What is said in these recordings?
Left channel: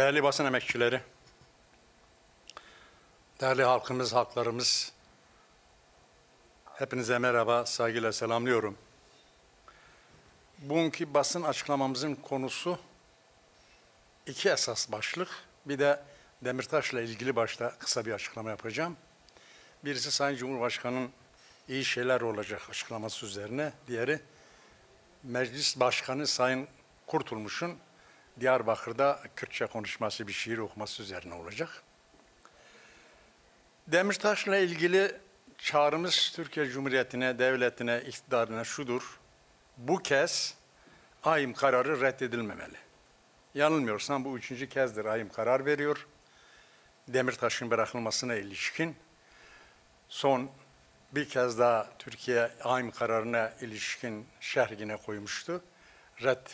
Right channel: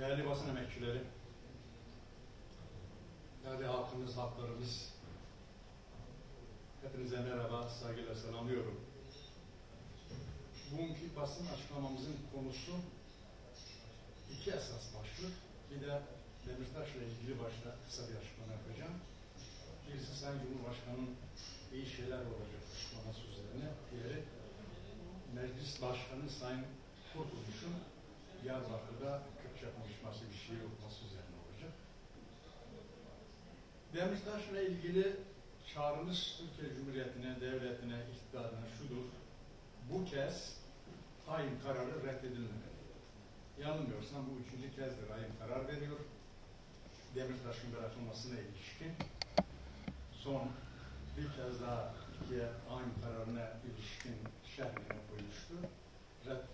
Değerli basın emekçileri, değerli halkımız, halklarımız, hepinize merhaba, saygıyla selamlıyorum. Bugünkü basın açıklamamızın konusu iki esas başlık. Bir de Demirtaş'la ilgili başta kısa bir açıklama yapacağım. Birisi Sayın Cumhurbaşkanı'nın iyi şeyler olacak açıklaması üzerine, diğeri Meclis Başkanı Sayın Kurtulmuş'un Diyarbakır'da Kürtçe konuşması, bir şiir okuması üzerine olacak. Demirtaş'la ilgili çağrımız Türkiye Cumhuriyeti'ne, devletine, iktidarına şudur: bu kez AYİM kararı reddedilmemeli. Yanılmıyorsam bu 3. kezdir AYİM karar veriyor. Demirtaş'ın bırakılmasına ilişkin son bir kez daha Türkiye AYİM kararına ilişkin şerhine koymuştu. Red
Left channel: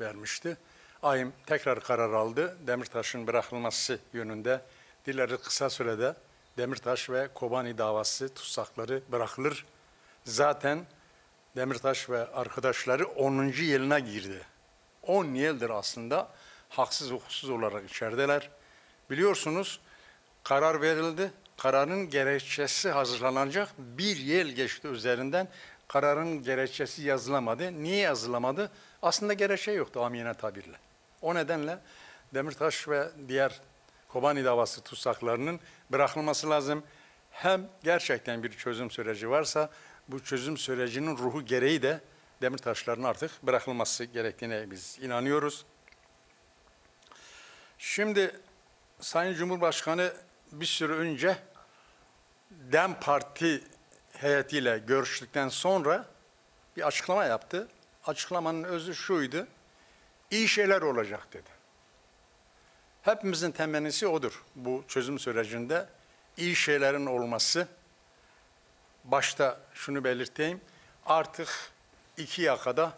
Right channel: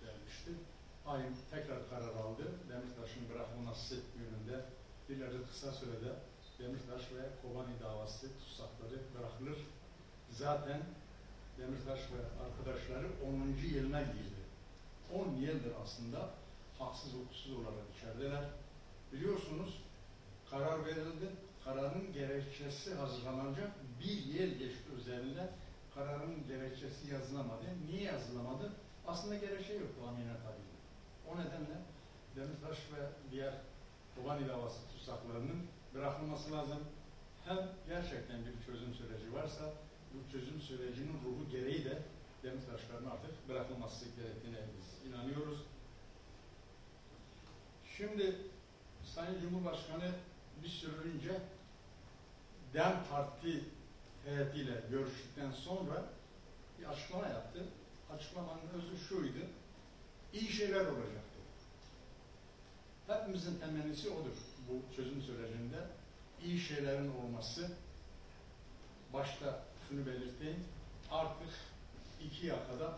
vermişti. AYİM tekrar karar aldı. Demirtaş'ın bırakılması yönünde dileri kısa sürede Demirtaş ve Kobani davası tutsakları bırakılır. Zaten Demirtaş ve arkadaşları 10. yılına girdi. 10 yıldır aslında haksız hukuksuz olarak içerideler. Biliyorsunuz karar verildi. Kararın gerekçesi hazırlanacak. Bir yıl geçti üzerinden. Kararın gerekçesi yazılamadı. Niye yazılamadı? Aslında gerekçe yoktu amiyane tabirle. O nedenle Demirtaş ve diğer Kobani davası tutsaklarının bırakılması lazım. Hem gerçekten bir çözüm süreci varsa bu çözüm sürecinin ruhu gereği de Demirtaşların artık bırakılması gerektiğine biz inanıyoruz. Şimdi Sayın Cumhurbaşkanı bir süre önce DEM Parti heyetiyle görüştükten sonra bir açıklama yaptı. Açıklamanın özü şuydu: İyi şeyler olacak dedi. Hepimizin temennisi odur bu çözüm sürecinde. İyi şeylerin olması. Başta şunu belirteyim: artık iki yakada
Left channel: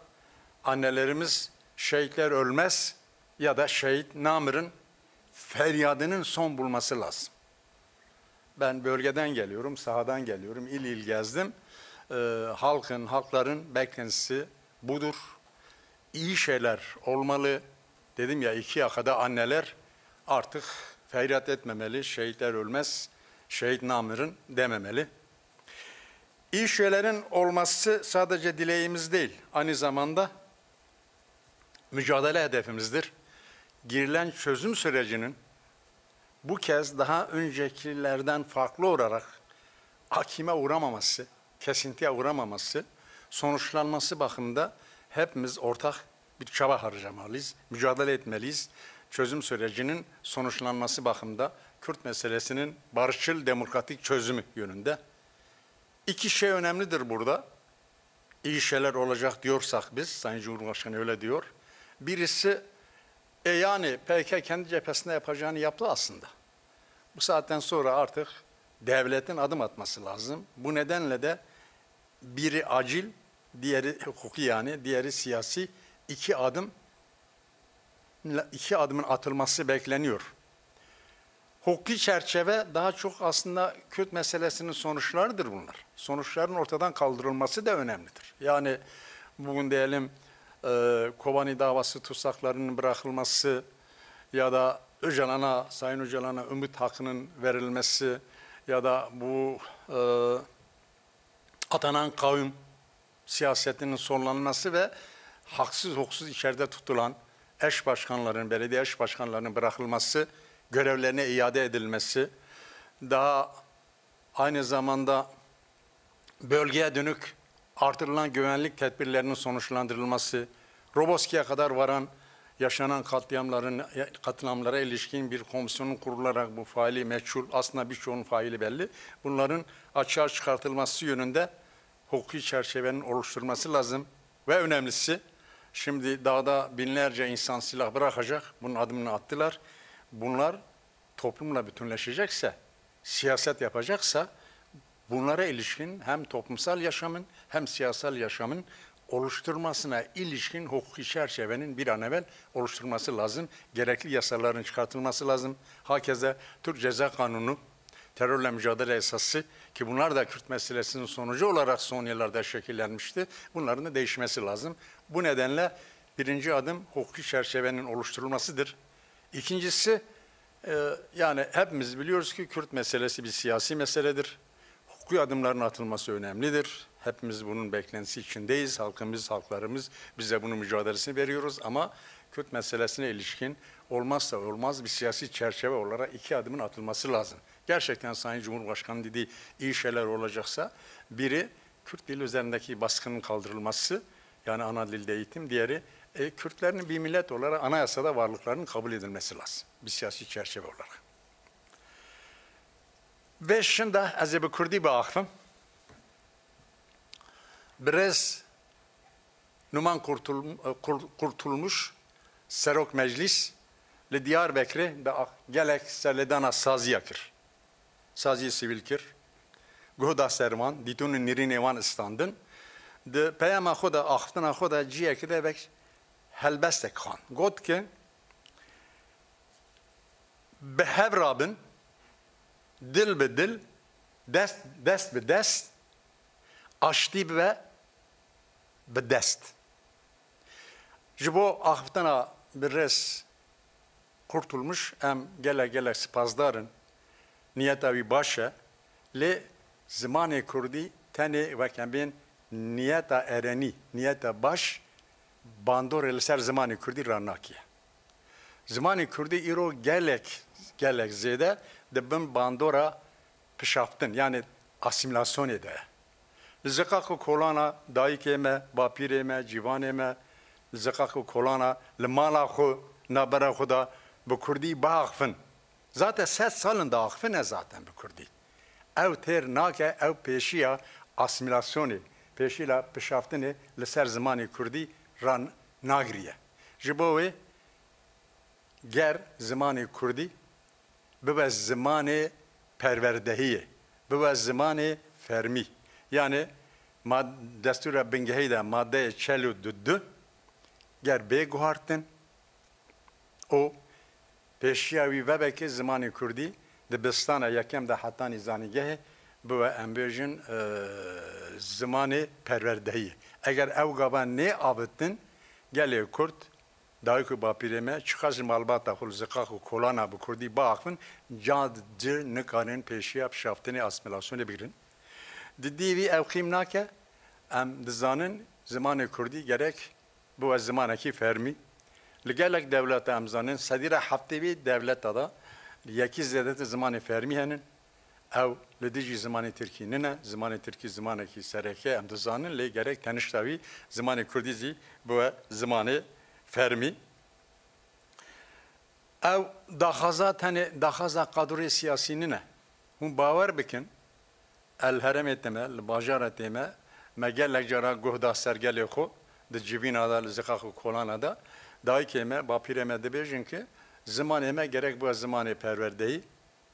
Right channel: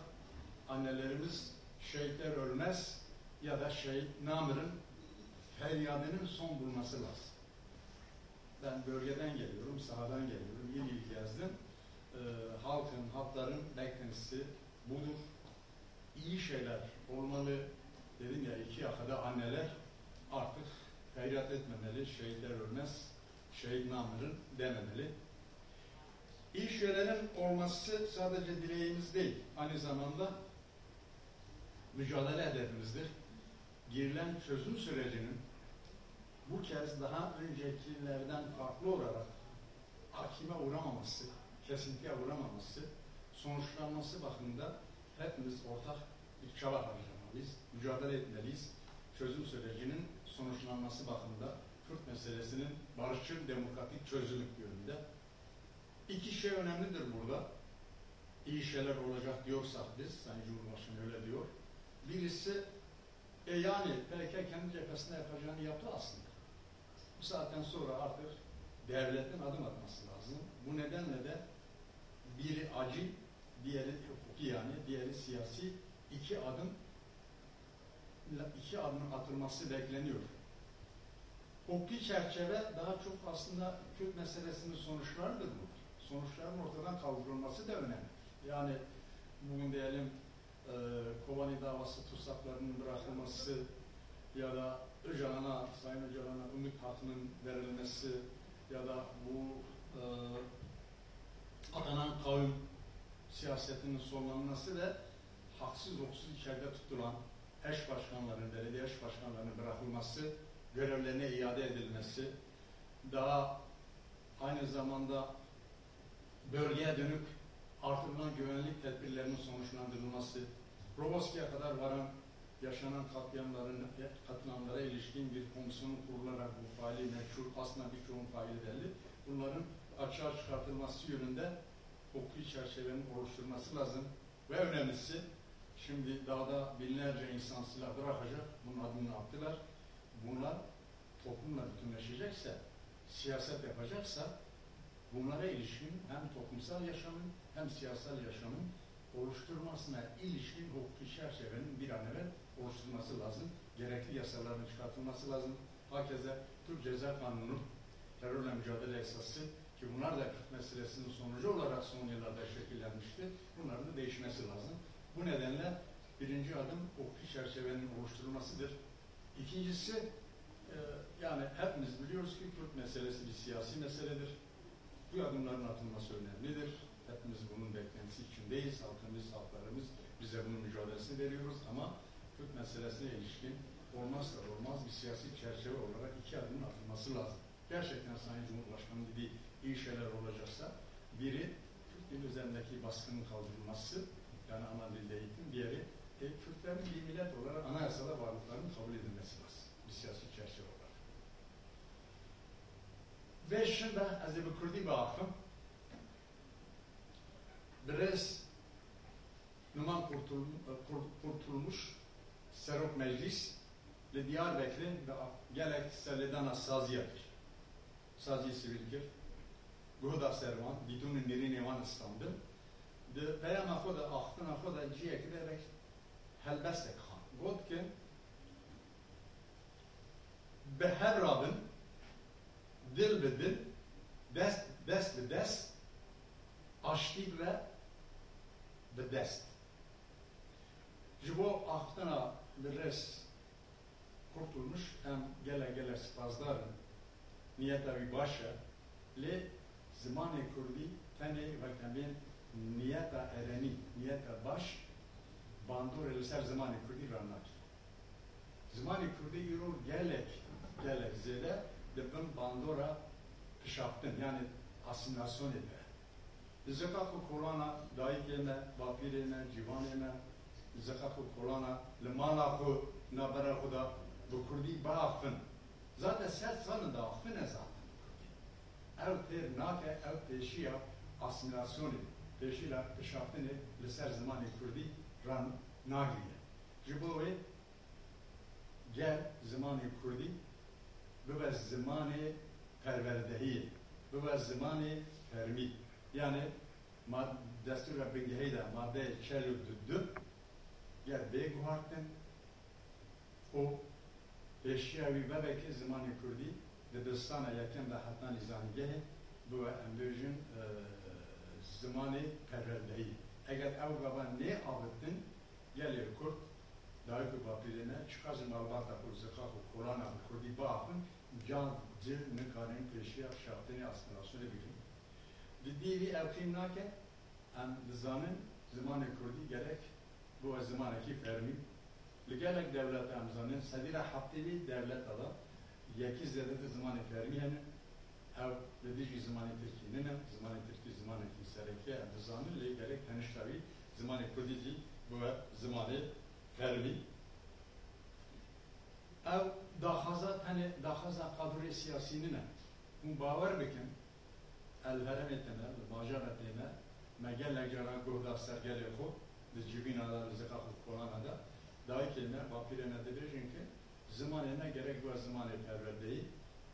annelerimiz şehitler ölmez ya da şehit Namır'ın feryadının son bulması lazım. Ben bölgeden geliyorum, sahadan geliyorum, il il gezdim. Halkların beklentisi budur. İyi şeyler olmalı. Dedim ya, iki yakada anneler artık feryat etmemeli, şehitler ölmez, şehit Namır'ın dememeli. İyi şeylerin olması sadece dileğimiz değil, aynı zamanda mücadele hedefimizdir. Girilen çözüm sürecinin bu kez daha öncekilerden farklı olarak hakime uğramaması, kesintiye uğramaması, sonuçlanması bakımında hepimiz ortak bir çaba harcamalıyız, mücadele etmeliyiz. Çözüm sürecinin sonuçlanması bakımında Kürt meselesinin barışçıl demokratik çözümü yönünde. İki şey önemlidir burada. İyi şeyler olacak diyorsak biz, Sayın Cumhurbaşkanı öyle diyor. Birisi, yani PKK kendi cephesinde yapacağını yaptı aslında. Bu saatten sonra artık devletin adım atması lazım. Bu nedenle de biri acil, diğeri hukuki, yani diğeri siyasi, iki adımın atılması bekleniyor. Hukuki çerçeve daha çok aslında Kürt meselesinin sonuçlarıdır bunlar. Sonuçların ortadan kaldırılması da önemlidir. Yani bugün diyelim Kobani davası tutsaklarının bırakılması ya da Sayın Öcalan'a ümit hakkının verilmesi ya da bu atanan kavim siyasetinin sonlanması ve haksız hukuksuz içeride tutulan eş başkanların, belediye eş başkanlarının bırakılması, görevlerine iade edilmesi, daha aynı zamanda bölgeye dönük artırılan güvenlik tedbirlerinin sonuçlandırılması, Roboski'ye kadar varan yaşanan katliamlara ilişkin bir komisyonun kurularak bu faili meçhul, aslında birçoğunun faili belli, bunların açığa çıkartılması yönünde hukuki çerçevenin oluşturulması lazım. Ve önemlisi, şimdi dağda binlerce insan silah bırakacak, bunun adımını attılar. Bunlar toplumla bütünleşecekse, siyaset yapacaksa, bunlara ilişkin hem toplumsal yaşamın hem siyasal yaşamın oluşturmasına ilişkin hukuki çerçevenin bir an evvel oluşturulması lazım. Gerekli yasaların çıkartılması lazım. Hakeza Türk Ceza Kanunu, terörle mücadele esası, ki bunlar da Kürt meselesinin sonucu olarak son yıllarda şekillenmişti. Bunların da değişmesi lazım. Bu nedenle birinci adım hukuki çerçevenin oluşturulmasıdır. İkincisi, yani hepimiz biliyoruz ki Kürt meselesi bir siyasi meseledir. Hukuki adımların atılması önemlidir. Hepimiz bunun beklentisi içindeyiz. Halklarımız bize bunun mücadelesini veriyoruz ama Kürt meselesine ilişkin olmazsa olmaz bir siyasi çerçeve olarak 2 adımın atılması lazım. Gerçekten Sayın Cumhurbaşkanı dediği iyi şeyler olacaksa biri Kürt dili üzerindeki baskının kaldırılması, yani ana dilde eğitim, diğeri Kürtlerin bir millet olarak anayasada varlıklarının kabul edilmesi lazım. Bir siyasi çerçeve olarak. Ve şimdi az bu Kürdi bakım biraz numan kurtulmuş Serok Meclis li Diyarbakır'ı gelek serledana sazı yakır. Sazı sivil kir. Goda serman, ditunun nirin evan istandın. De peyama xoda axtına xoda ciye ki de bek helbestek khan. God ki behev rabın dil be dil, dest be dest, aşti be dest. Jibo axtına bir res kurtulmuş, em gele spazdarın niyetavi başa, le zamanı Kurdi tane vakambin niyeta ereni, niyeta baş, bandor elser zamanı Kurdi ranakiye. Zamanı Kurdi iro gelek zede de ben bandora pişaftın, yani asimilasyon ede. Zekakı kolana daikeme, bapireme, civaneme, zekakı kolana lemala xo nabara xuda bu Kurdi bağfın. Zaten 7 salın da ağfın zaten bu Kurdi. Ev ter nake, ev peşiya asimilasyonu, peşiya pişaftını leser zamanı Kurdi ran nagriye. Jibowe ger zamanı Kurdi bibe zamanı perverdehiye, bibe zamanı fermi. Yani destura bingehide madde çelu düddün ger beguhartın o peşiyavi ve belki zamanı Kurdi dibistana yakem de hatta nizanigehe bu embejin zamanı perverdehi. Eğer ev gaban ne abıttın gele Kürt dayıkı bapireme çıkaz malbata hul zekaku kolana bu Kurdi bağfın cancı nıkanın peşiyap şaftını asimilasyonu birin. Dediği ev kimnake em dizanın zamanı Kurdi gerek bu zamanaki fermi لگلک دولت امزانن صدیر هفته‌وی دولت دادا یکی زیادت زمان فرمی هنن او لدیجی زمان ترکی نه زمان ترکی زمانه کی سرکه ام دزانن لگرک تنشتاوی زمان کردیزی bu زمان فرمی او داخازا قدری سیاسی نه من باور بکن الهرم etme الباجار etme مگلک جرا گهدا سرگلی خو د جیبین ادا لزقاخو کولان da daikeme, bapireme de bejin ki zamaneme gerek bu zamanı perverdeyi,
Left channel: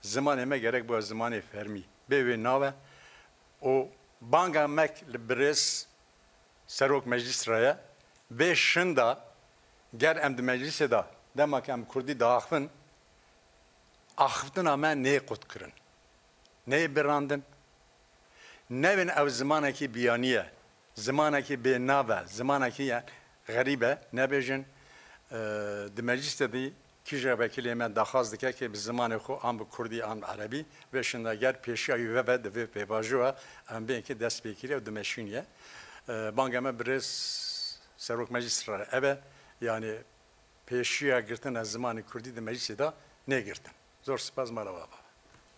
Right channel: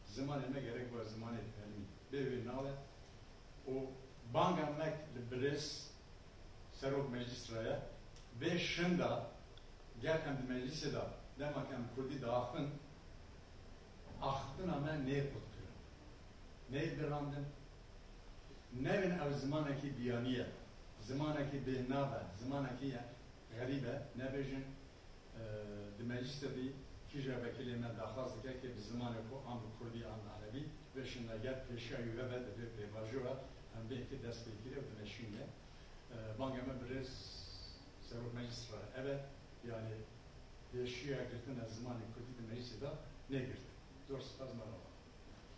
zamaneme gerek bu zamanı fermi. Bevi nave o banga mek libres serok meclis raya ve şında ger em de meclise da demek em Kurdi dağıfın ahıftın ama ne kutkırın, ne birandın, nevin ev zamanaki biyaniye, zamanaki benave, zamanaki yani garibe ne bejin di mecliste de kişi vekili me daxaz dike ki bi zamanı xo am bi Kurdi am Arabi ve şunda ger peşiya ve be de ve bajua am belki dest bekliyor de meşiniye bangame biraz serok meclis ra eve yani peşiya girtin az zamanı Kurdi de mecliste de ne girtin zor spaz marava